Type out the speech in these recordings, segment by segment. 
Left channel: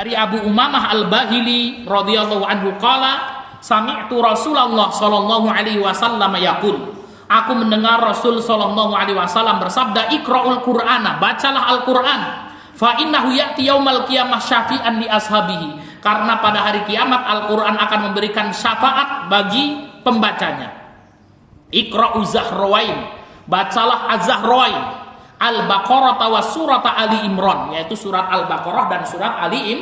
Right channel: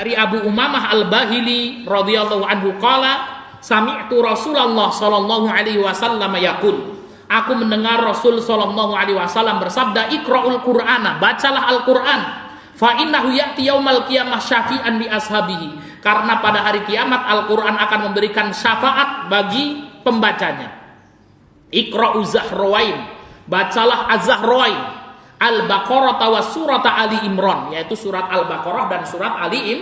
Dari Abu Umamah Al-Bahili radhiyallahu anhu qala sami'tu Rasulullah sallallahu alaihi wasallam yaqul, aku mendengar Rasul sallallahu alaihi wasallam bersabda, iqra'ul Qur'ana, bacalah Al-Qur'an, fa innahu ya'ti yaumal qiyamah syafi'an li ashabihi, karena pada hari kiamat Al-Qur'an akan memberikan syafaat bagi pembacanya. Iqra'u Zahrawain, bacalah Az-Zahrawain, Al-Baqarah wa surat Ali Imran, yaitu surat Al-Baqarah dan surat Ali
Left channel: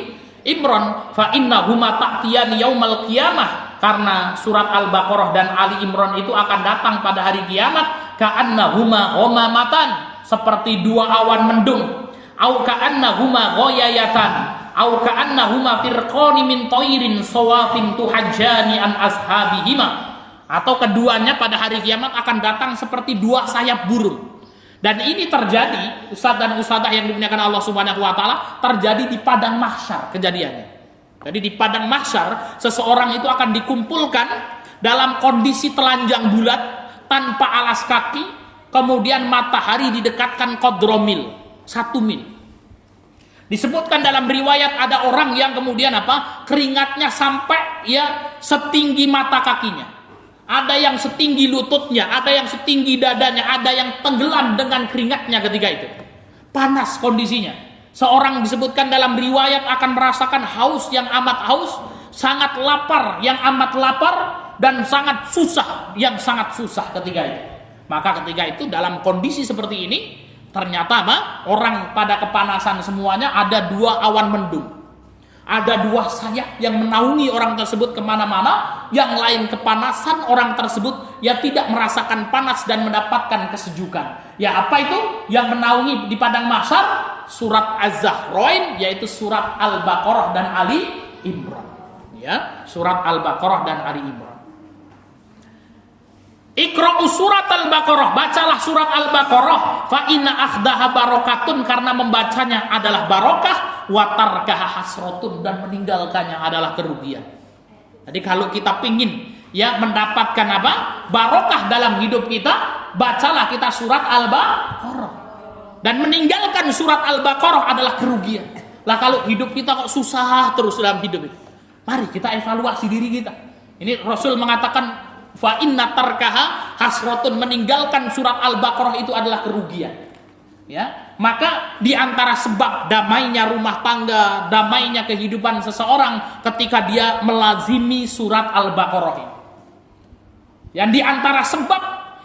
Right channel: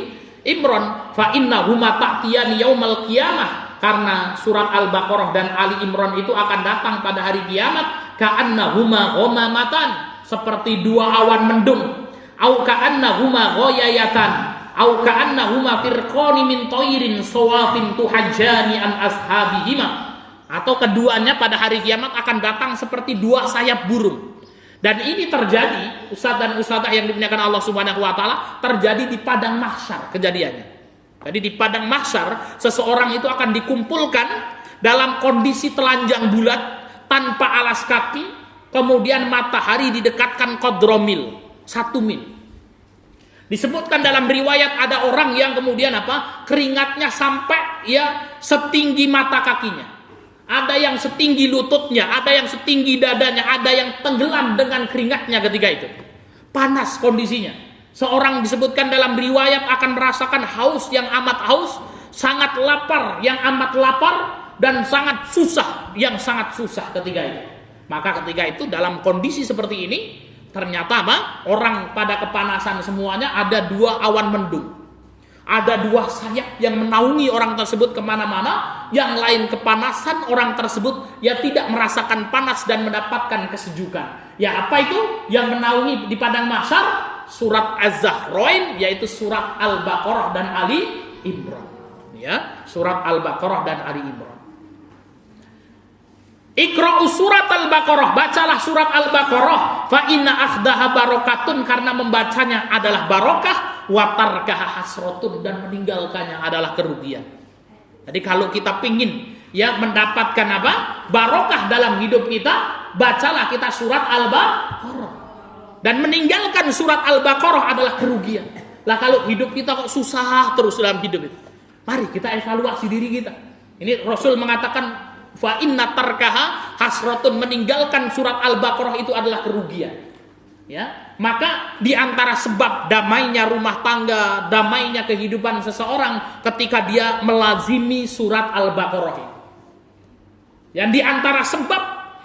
Imran. Fa innahuma ta'tiyani yaumal qiyamah, karena surat Al-Baqarah dan Ali Imran itu akan datang pada hari kiamat. Ka'annahuma ghamamatan, seperti dua awan mendung. Au ka'annahuma ghayayatan, au ka'annahuma firqani min tayrin sawafin tuhajjani an ashabihima, atau keduanya pada hari kiamat akan datang seperti dua sayap burung. Dan ini terjadi, ustadz dan ustadzah yang dimuliakan Allah Subhanahu wa taala, terjadi di padang mahsyar kejadiannya. Jadi di padang mahsyar seseorang itu akan dikumpulkan dalam kondisi telanjang bulat tanpa alas kaki, kemudian matahari didekatkan qadromil, 1 mil. Disebutkan dalam riwayat ada orang yang kemudian keringatnya sampai setinggi mata kakinya. Ada yang setinggi lututnya, ada yang setinggi dadanya, ada yang tenggelam dengan keringatnya ketika itu. Panas kondisinya. Seorang disebutkan dalam riwayat akan merasakan haus yang amat haus, sangat lapar yang amat lapar, dan sangat susah yang sangat susah ketika itu. Maka ketika itu dalam kondisi seperti ini, ternyata orang pada kepanasan semuanya, ada dua awan mendung. Ada dua sayap yang menaungi orang tersebut kemana-mana. Yang lain kepanasan, orang tersebut tidak merasakan panas dan mendapatkan kesejukan. Apa itu yang menaungi di padang mahsyar? Surat Az-Zahrain, yaitu surat Al-Baqarah dan Ali Imran. Surat Al-Baqarah dan Ali Imran. Iqra'u surat Al-Baqarah, bacalah surat Al-Baqarah, fa inna akhdaha barokatun, karena membacanya adalah barokah, wa tarkaha hasratun, dan meninggalkannya adalah kerugian. Jadi kalau kita pingin mendapatkan barokah dalam hidup kita, bacalah kita surat Al-Baqarah. Dan meninggalkan surat Al-Baqarah adalah kerugian. Lah kalau hidup kita kok susah terus dalam hidup itu, mari kita evaluasi diri kita. Ini Rasul mengatakan fa inna tarkaha hasratun, meninggalkan surat Al-Baqarah itu adalah kerugian. Maka di antara sebab damainya rumah tangga, damainya kehidupan seseorang ketika dia melazimi surat Al-Baqarah. Yang di antara sebab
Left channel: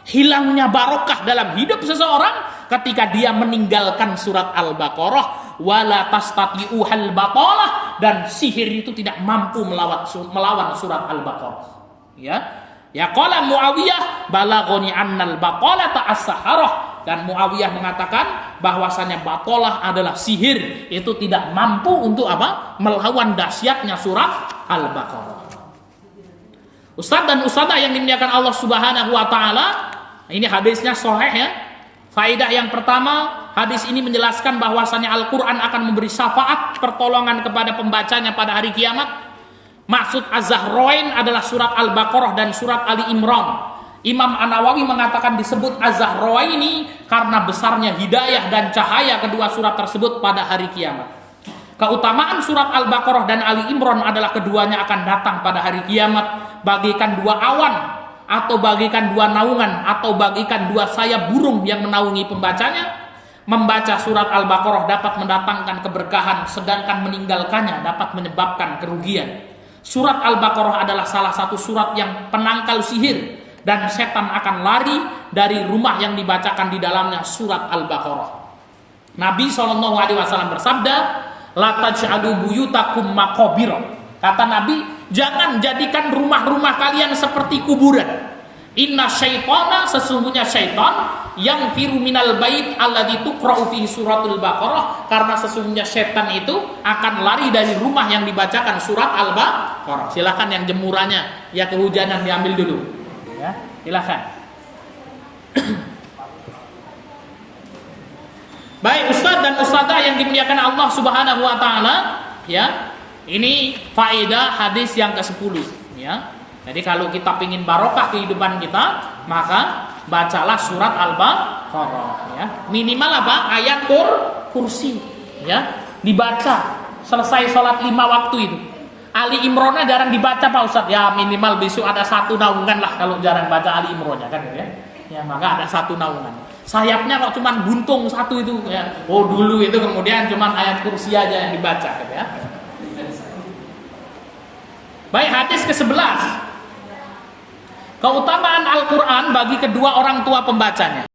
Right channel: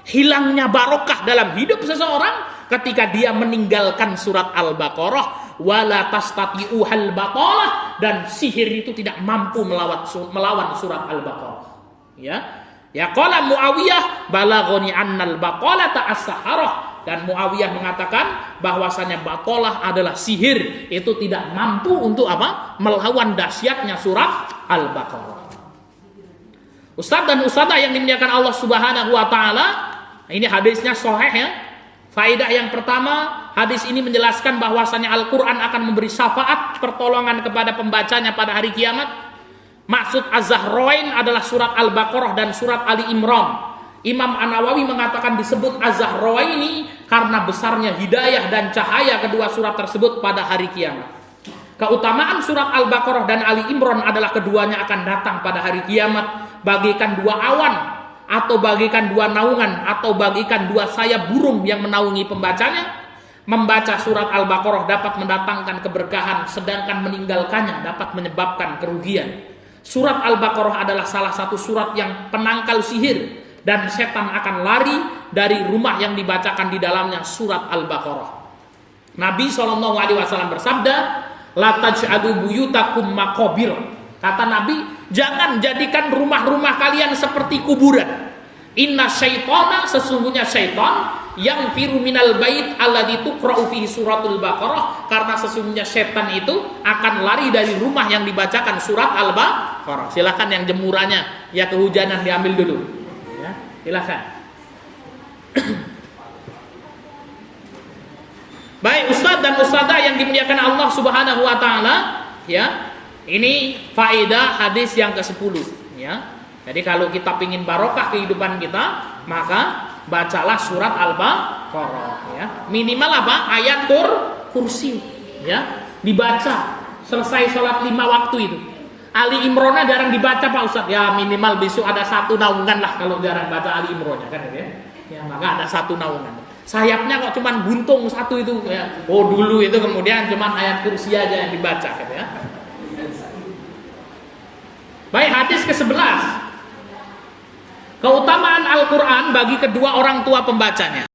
hilangnya barokah dalam hidup seseorang ketika dia meninggalkan surat Al-Baqarah, wala tastati'uhal batalah, dan sihir itu tidak mampu melawan surat Al-Baqarah. Qala Muawiyah balaghani annal baqalata as-saharah, dan Muawiyah mengatakan bahwasanya batalah adalah sihir, itu tidak mampu untuk melawan dahsyatnya surat Al-Baqarah. Ustaz dan ustazah yang dimuliakan Allah Subhanahu wa taala, ini hadisnya sahih Faedah yang pertama, hadis ini menjelaskan bahwasanya Al-Qur'an akan memberi syafaat pertolongan kepada pembacanya pada hari kiamat. Maksud Az-Zahrain adalah surat Al-Baqarah dan surat Ali Imran. Imam An-Nawawi mengatakan disebut Az-Zahrain ini karena besarnya hidayah dan cahaya kedua surat tersebut pada hari kiamat. Keutamaan surat Al-Baqarah dan Ali Imran adalah keduanya akan datang pada hari kiamat bagaikan dua awan, atau bagikan dua naungan, atau bagikan dua sayap burung yang menaungi pembacanya. Membaca surat Al-Baqarah dapat mendatangkan keberkahan, sedangkan meninggalkannya dapat menyebabkan kerugian. Surat Al-Baqarah adalah salah satu surat yang penangkal sihir, dan setan akan lari dari rumah yang dibacakan di dalamnya surat Al-Baqarah. Nabi SAW bersabda, la taj'alu buyutakum maqabira. Kata Nabi, jangan jadikan rumah-rumah kalian seperti kuburan. Inna syaitana, sesungguhnya syaitan, yang firu minal bait alladzi tuqra'u fihi suratul Baqarah, karena sesungguhnya syaitan itu akan lari dari rumah yang dibacakan surat Al-Baqarah. Silakan yang jemurannya ya kehujanan diambil dulu. Ya, silakan. Baik Ustaz dan Ustazah yang dimuliakan Allah Subhanahu wa taala, ya. Ini faedah hadis yang ke-10, ya. Jadi kalau kita ingin barokah kehidupan kita, maka bacalah surat Al-Baqarah, ya. Minimal Ayat kursi, ya. Dibaca. selesai sholat 5 waktu itu. Ali Imronnya jarang dibaca Pak Ustadz. Ya minimal besok ada 1 naungan lah kalau jarang baca Ali Imronnya kan ya. Ya maka ada 1 naungan. Sayapnya kok cuman buntung 1 itu ya. Oh dulu itu kemudian cuman ayat kursi aja yang dibaca gitu ya. Baik, hadis ke-11. Keutamaan Al-Quran bagi kedua orang tua pembacanya.